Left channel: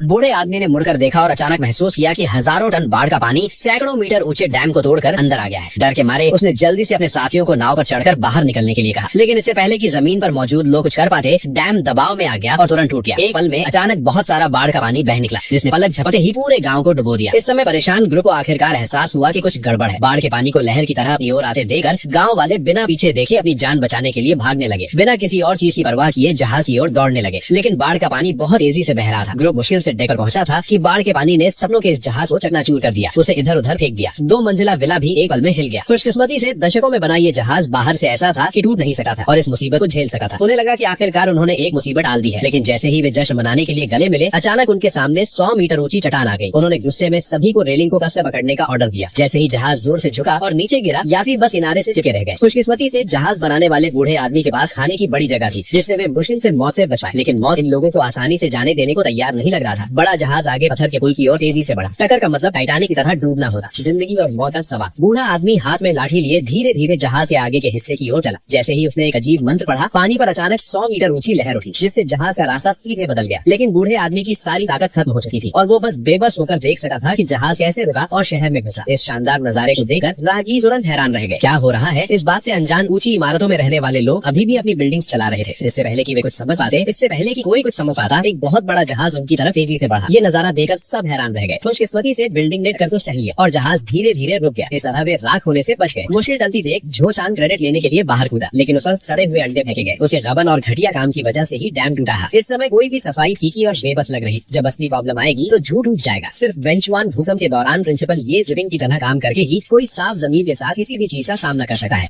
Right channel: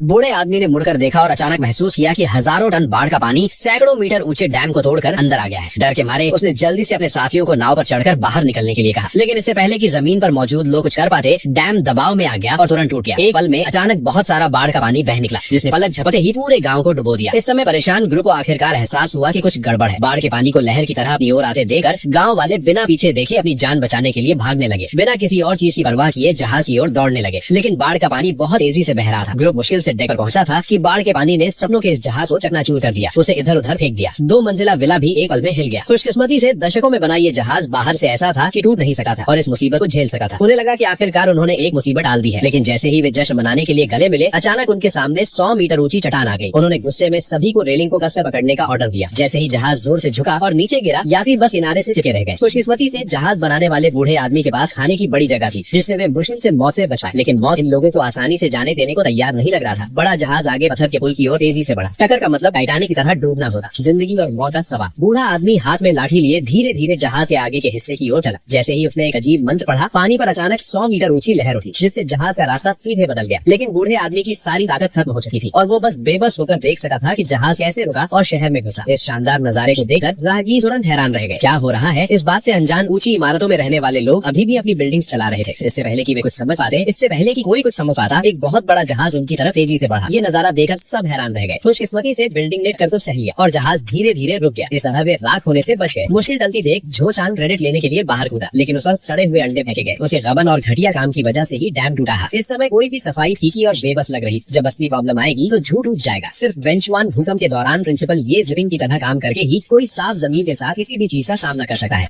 बूढ़े आदमी ने मुड़कर देखा और अचानक महसूस किया कि हजारों टन बाढ़ का पानी सैकड़ों मीटर ऊंचे डैम को तोड़कर अंदर आ गया है। डर के मारे उसने जल्दी से अपने साथियों को नाव पर चढ़कर बाहर निकलने के लिए कहा, लेकिन इससे पहले कि जमीन पर मौजूद लोग कुछ कर पाते, डैम दबाव में आ गया और तुरंत टूट गया। एक पल में अचानक बहुत सारा बाढ़ का पानी बह निकला, जिसने पलक झपकते ही पूरे गाँव को डुबो दिया। इस समय परेशान ग्रुप को आखिरकार एहसास हुआ कि कुछ गड़बड़ है। बाढ़ के पानी को लहर की तरह अपनी ओर आते देखकर गाँव वाले बिना पीछे देखे अपनी जान बचाने के लिए भागने लगे। बिना किसी और चीज की परवाह किए जहाज की ओर दौड़ने लगे, लेकिन बाढ़ का पानी बहुत तेजी से बह रहा था। ग्रुप मुश्किल से डेक पर पहुंचा था कि बाढ़ के पानी ने सपनों के इस जहाज को चकनाचूर कर दिया, उसे इधर उधर फेंक दिया। 2 मंजिला विला भी एक पल में हिल गया। खुशकिस्मती से दशकों में बना ये जहाज बाहर से ऐसा था कि टूट नहीं सका था और इस मुसीबत को झेल सका था। उन्हें लगा कि आखिरकार उन्होंने एक मुसीबत टाल दी है, लेकिन जैसे ही वे जश्न मनाने के लिए गले मिले, अचानक उनके सामने 100 मीटर ऊंची चट्टान आ गई। उन्होंने गुस्से में सभी को रेलिंग को कसकर पकड़ने का ऑर्डर दिया। जैसे ही जहाज जोर से झुका और नीचे गिरा, यात्री बस किनारे से चिपके रह गए। खुशकिस्मती से जहाज बनाने वाले बूढ़े आदमी के पास खाने की बड़ी जगह थी, जिससे वे मुश्किल से मौत से बच पाए। लेकिन मौत इन लोगों को आसानी से जाने देने को तैयार नहीं लग रहा था। बड़ा जहाज आगे पत्थर के पुल की ओर तेजी से बढ़ा। टक्कर का मतलब टाइटैनिक की तरह डूबना होता। जिंदगी और मौत का सवाल। बूढ़ा आदमी हाथ में लाठी लिए धीरे धीरे जहाज के आगे के हिस्से की ओर चला। जैसे ही उसने एक अजीब मंत्र पढ़ा, पानी पर अचानक 100 मीटर ऊंची लहर उठी, जिससे जहाज का रास्ता सीधे बदल गया। लेकिन बूढ़े आदमी की सारी ताकत खत्म हो चुकी थी और वो बस बेबस होकर देख सका था कि जहाज कैसे रुका और शहर में घुसा। इस शानदार नजारे को देखकर राहगीर तुरंत हैरान रह गए। क्या हो रहा है? इस बात से अनजान ऊंची इमारतों में रहने वाले लोग अभी भी अपनी बिल्डिंग्स चला रहे थे। इससे पहले कि वे कुछ समझ पाते, इससे पहले कि कोई कुछ समझ पाता, एक बहुत बड़ा जहाज उनकी तरफ तेजी से बढ़ा। ये नजारा देखकर सब हैरान रह गए। खुशकिस्मती से बिल्डिंग ने टक्कर को सह लिया और जहाज धीरे धीरे रुक गया। इस तरह वे राख होने से बच गए। मुश्किल टलती देख जो चांद क्रेडिट लेने के लिए बाहर कूदा, लेकिन उस पर सड़े हुए अंडे फेंके गए। उसे गबन और घटिया काम की वजह से ही डैम टूटा है। इस समय कोई भी सफाई फीकी और बेबस लग रही। जब असली प्रॉब्लम आएगी तो झूठ उठ जाएगा। सिर्फ वेंचुआन भूकंप के दौरान प्रिंसिपल ये जिपिंग की तरह काम करके ही कोई साफ जमीन के साथ किसी भी चीज का सामना कर सकता है।